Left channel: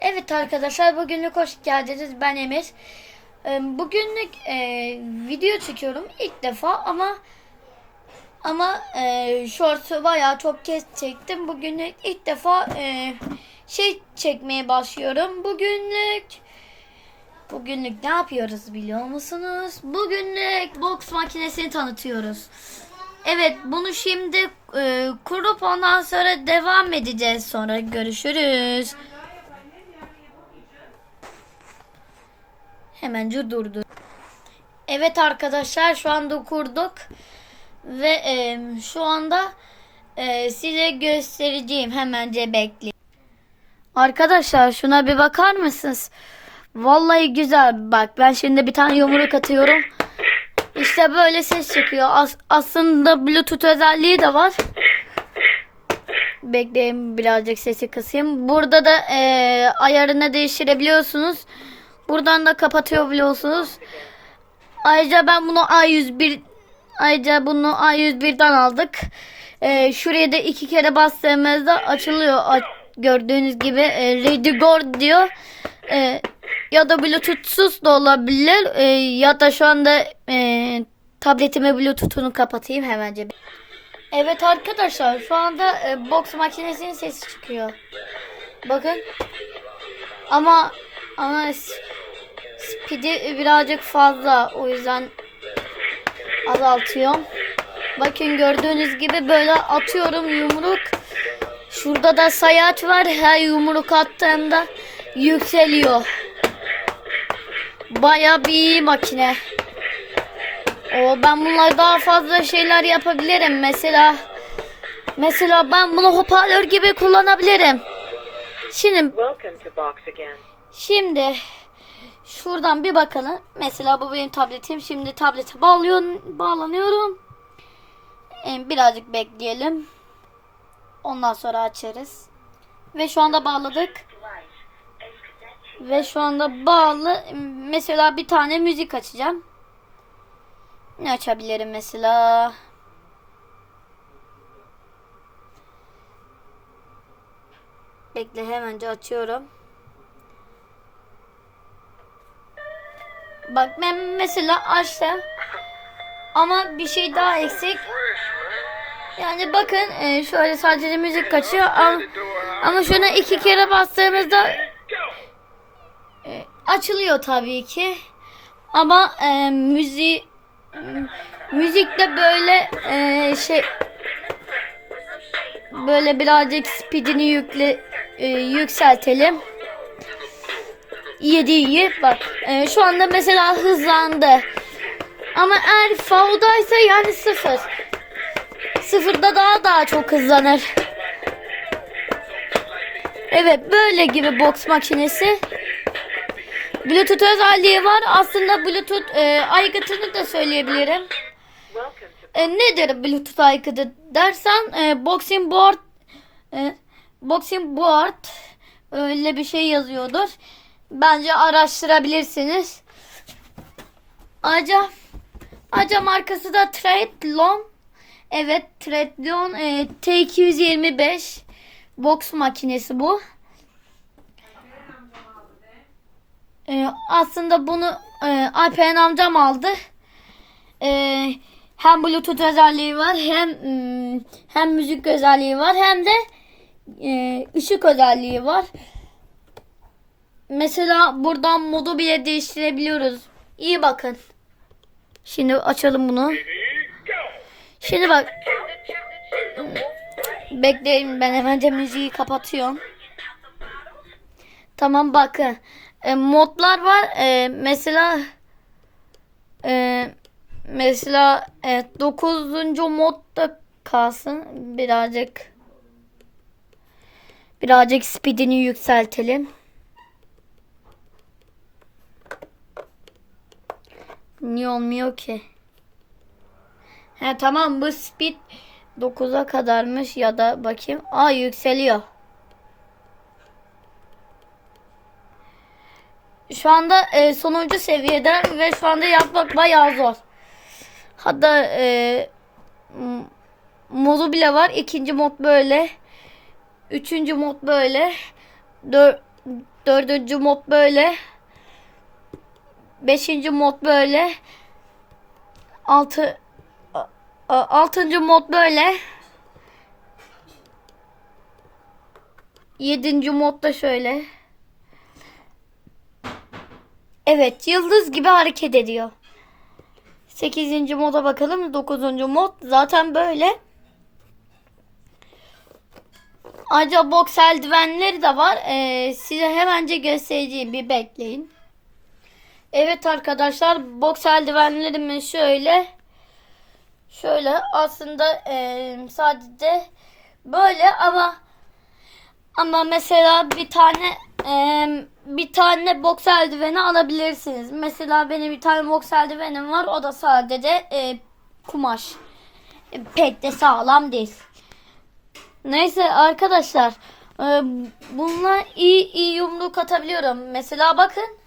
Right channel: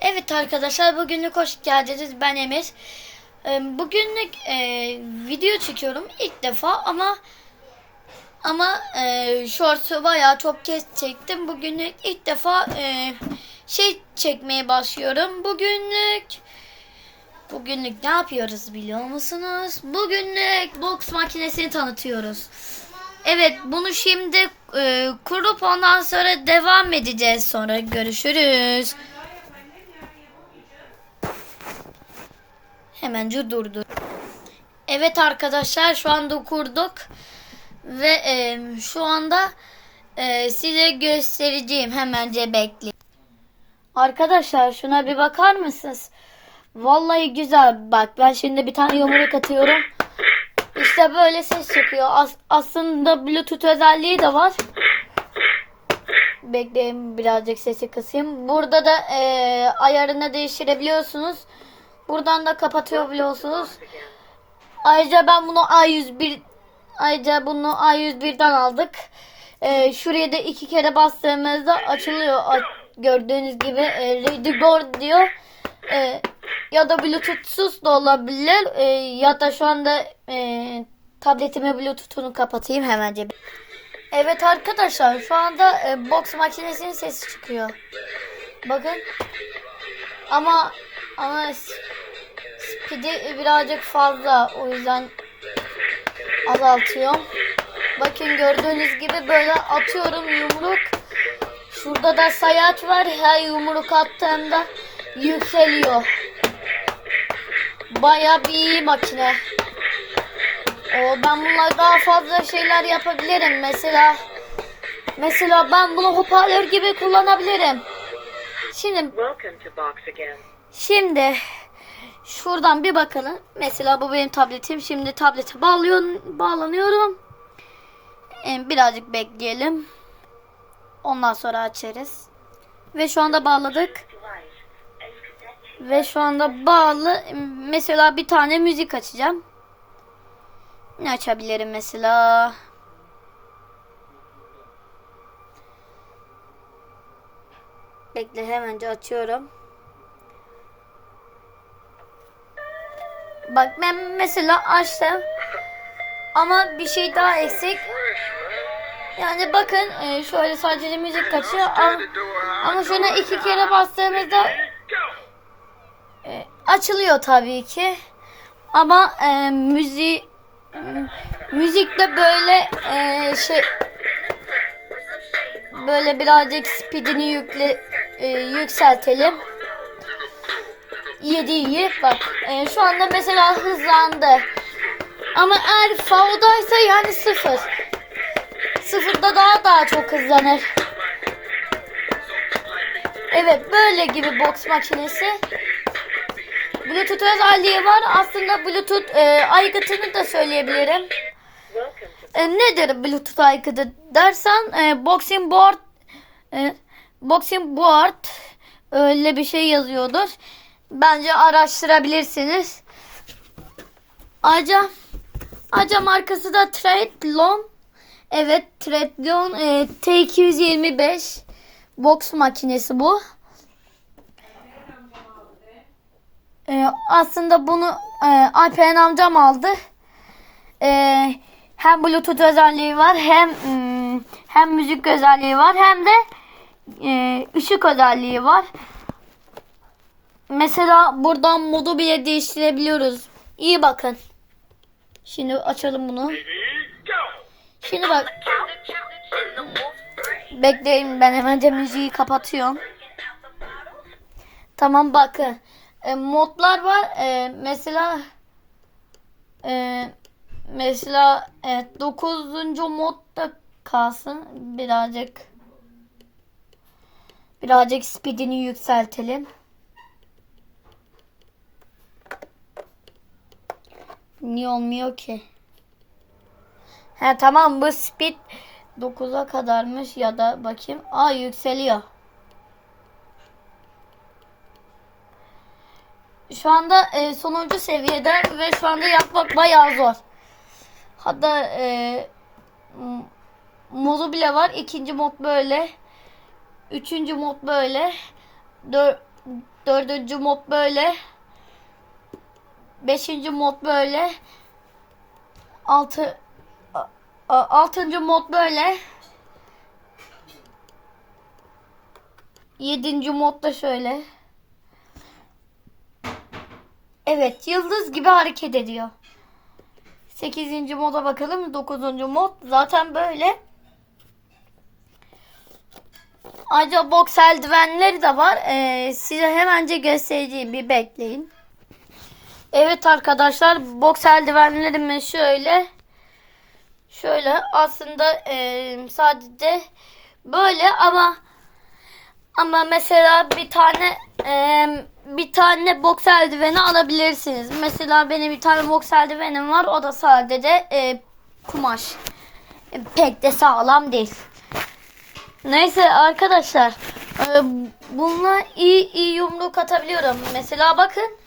Evet arkadaşlar bugünlük hoş geldiniz. Ben Emir. Ee, Bugünlük e, video çekiyorum ilk defa ama ama e, shorts'u bayağı çok kez çektim. Bugünlük ilk defa e, şey çekmeye başlıyorum. Bugünlük bugünlük ne yapıyoruz biliyor musunuz? Bugünlük boks makinesini tanıtıyoruz. Evet bunu şimdi e, kurup ondan sonra devam edeceğiz. Sonra görüşürüz. Hemen durdu. Evet arkadaşlar şu anda kurduk ve e, şu anda e, size göstereceğim hemence bekleyin. Arkadaşlar şuna bir bakar mısınız? Vallahi güzel bak ben şimdi bir tane yumruk atıyorum. İşte böyle ses çıkıyor. As- aslında bluetooth özelliği de var. Bekleyin birazcık sesi kısayım. Burada da e, ayarını değiştirebiliyorsunuz. Buradan da kapatıyor biliyorsunuz. Ayrıca ben bunu A101 ayrıca bunu A101'den aldık. Ee, şuraya da iki kere bastığımızda açılıyor. A- gördüğünüz gibi e, Ready Go diyor. Ee, ya da Bluetooth'suz da olabilir. Ee, ya da şu anda e, tabletimi Bluetooth'unu kapatayım hemence. Evet arkadaşlar şu anda e, box makinesinin sesi çıkıyor. Bakın. Ama ama speed'i birazcık fazla o yüzden azaltıyorum. Bakın gördüğünüz gibi böyle atıyorum yumruk. Şurada da sayaç var. Her yumruk attığımda yükseliyor. Baya bir iyi makine. O, ben bunlar daha fazla şeyler yapabilirim. Mesela mesela ben bunu hoparlör gibi kullanabilirim. Şimdi. Şimdi şuradan bir bakalım. Mesela bu benim tabletim. Şimdi tablete bağlıyor, bağlanıyorum. Ee, birazcık bekleyelim. Ondan sonra açarız. Ve şu anda bağladık. Ve şu anda bağlı. Mesela bir tane müzik açacağım. Ne açabilirim mesela? Bekle hemenci açıyorum. Bak ben mesela açtım. Ama bir şey daha eksik. Yani bakın e, şöyle sadece müzik kaçıyor. Ama, ama şuna iki kere bastığımızda e, açılıyor tabii ki. Ama e, müzik müzikte böyle e, şey böyle birazcık speedini yükle e, yükseltelim. İyi iyi. Bak e, şu anda mesela hızlandı. Ama eğer fauldaysa yani sıfır. Sıfırda daha daha çok hızlanır. Evet böyle gibi box makinesi. Bluetooth özelliği var. Aslında Bluetooth e, aygıtını da söyleyebilirim. E, nedir Bluetooth aygıtı dersen e, boxing board e, boxing board öyle bir şey yazıyordur. Bence araştırabilirsiniz. Ayrıca ayrıca markası da Treadlon. Evet Treadlon e, T225 box makinesi bu. E, aslında bunu e, Alperen amcam aldı. E, hem Bluetooth özelliği var hem mm, hem müzik özelliği var hem de e, ışık özelliği var. Mesela buradan modu bile değiştirebiliyoruz. İyi bakın. Şimdi açalım bunu. Şimdi bak. Bekleyin ben hemen müziği kapatıyorum. Tamam bakın. E, modlar var. E, mesela e, mesela evet 9. modda kalsın. Birazcık birazcık speedini yükseltelim. Niye olmuyor ki? He tamam bu speed 9'a kadarmış ya da bakayım. Aa yükseliyor. Şu anda e, sonuncu seviyede ve şu anda yapmak bayağı zor. Hatta e, modu bile var. İkinci mod böyle. Üçüncü mod böyle. Dör, Dördüncü mod böyle. Beşinci mod böyle. Altı altıncı mod böyle. Yedinci mod da şöyle. Evet yıldız gibi hareket ediyor. Sekizinci moda bakalım. Dokuzuncu mod zaten böyle. Ayrıca boks eldivenleri de var. Ee, size hemence göstereceğim. Bir bekleyin. Evet arkadaşlar boks eldivenlerimiz şöyle. Şöyle aslında e, sadece böyle ama ama mesela bir tane e, bir tane boks eldiveni alabilirsiniz. Mesela benim bir tane boks eldivenim var. O da sadece e, kumaş. E, pek de sağlam değil. Neyse arkadaşlar. E, bununla iyi iyi yumruk atabiliyorum. Mesela bakın.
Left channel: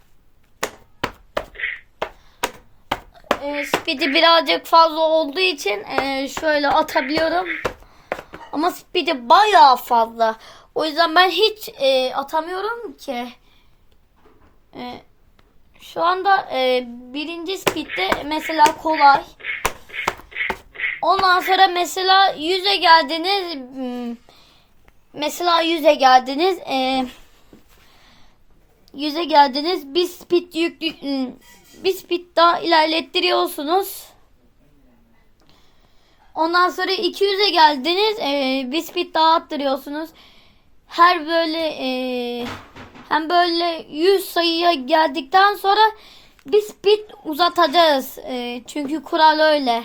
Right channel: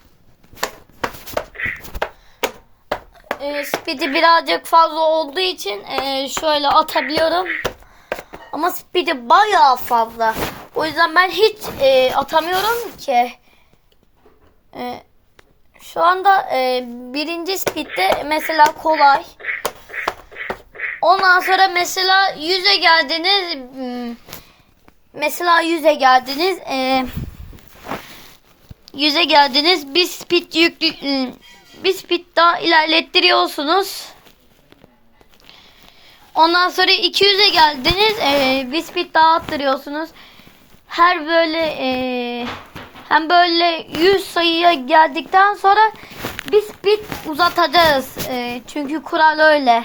E, speed'i birazcık fazla olduğu için e, şöyle atabiliyorum. Ama speed'i bayağı fazla. O yüzden ben hiç e, atamıyorum ki. E, şu anda e, birinci speed'de mesela kolay. Ondan sonra mesela yüze geldiniz. hmm, Mesela yüze geldiniz. E, yüze geldiniz. Bir speed yüklü hmm, bir speed daha ilerlettiriyorsunuz. Ondan sonra 200'e geldiniz. E, bir speed daha attırıyorsunuz. Her böyle e, hem böyle 100 sayıya geldikten sonra bir speed uzatacağız. E, çünkü kural öyle.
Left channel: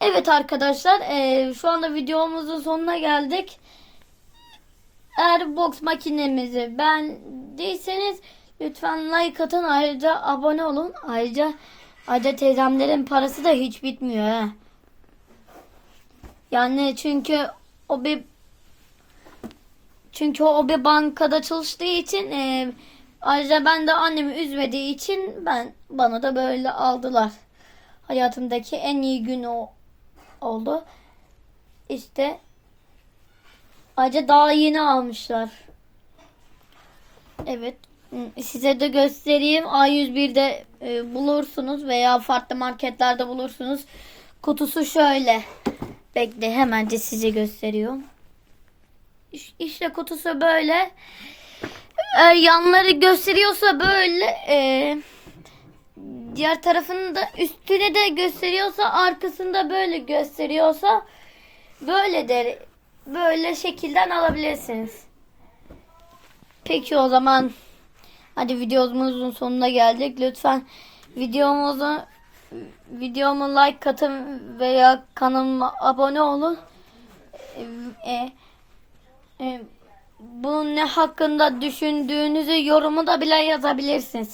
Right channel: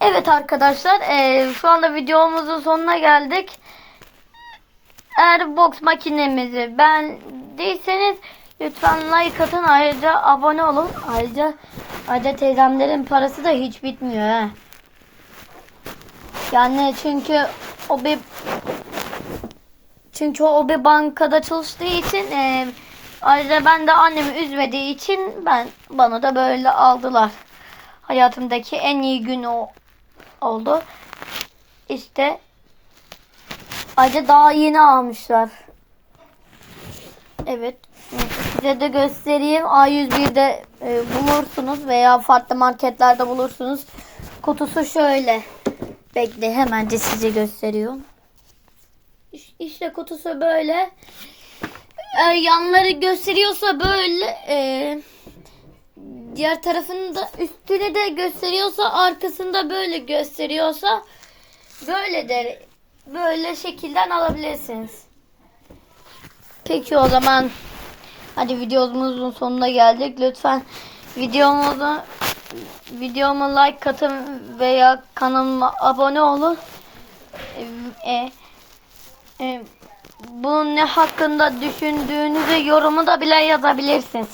Evet arkadaşlar e, şu anda videomuzun sonuna geldik. Eğer box makinemizi beğendiyseniz lütfen like atın ayrıca abone olun. Ayrıca ayrıca teyzemlerin parası da hiç bitmiyor he. Yani çünkü o bir çünkü o bir bankada çalıştığı için e, ayrıca ben de annemi üzmediği için ben bana da böyle aldılar. Hayatımdaki en iyi gün o oldu. İşte ayrıca daha yeni almışlar. Evet. Size de göstereyim. A101'de e, bulursunuz veya farklı marketlerde bulursunuz. Kutusu şöyle. Bekle hemence size gösteriyorum. İş- İşte kutusu böyle. Eğer yanları gösteriyorsa böyle e, diğer tarafını da üstüne de gösteriyorsa arkasında böyle gösteriyorsa böyle der böyle şekilden alabilirsiniz. Peki o zaman hadi videomuzun sonuna geldik. Lütfen videomuzu videoma like atın veya kanalıma abone olun. E, e, e, bunun ne hakkında düşündüğünüzü yorumu da bile yazabilirsiniz.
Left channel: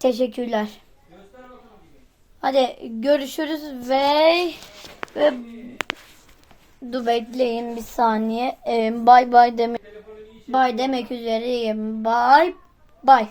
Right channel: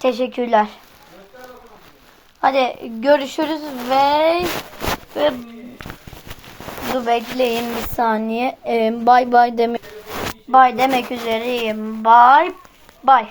Teşekkürler. Hadi görüşürüz ve ve dur bekleyin bir saniye. Ee, bay bay demek bay demek üzereyim. Bay bay.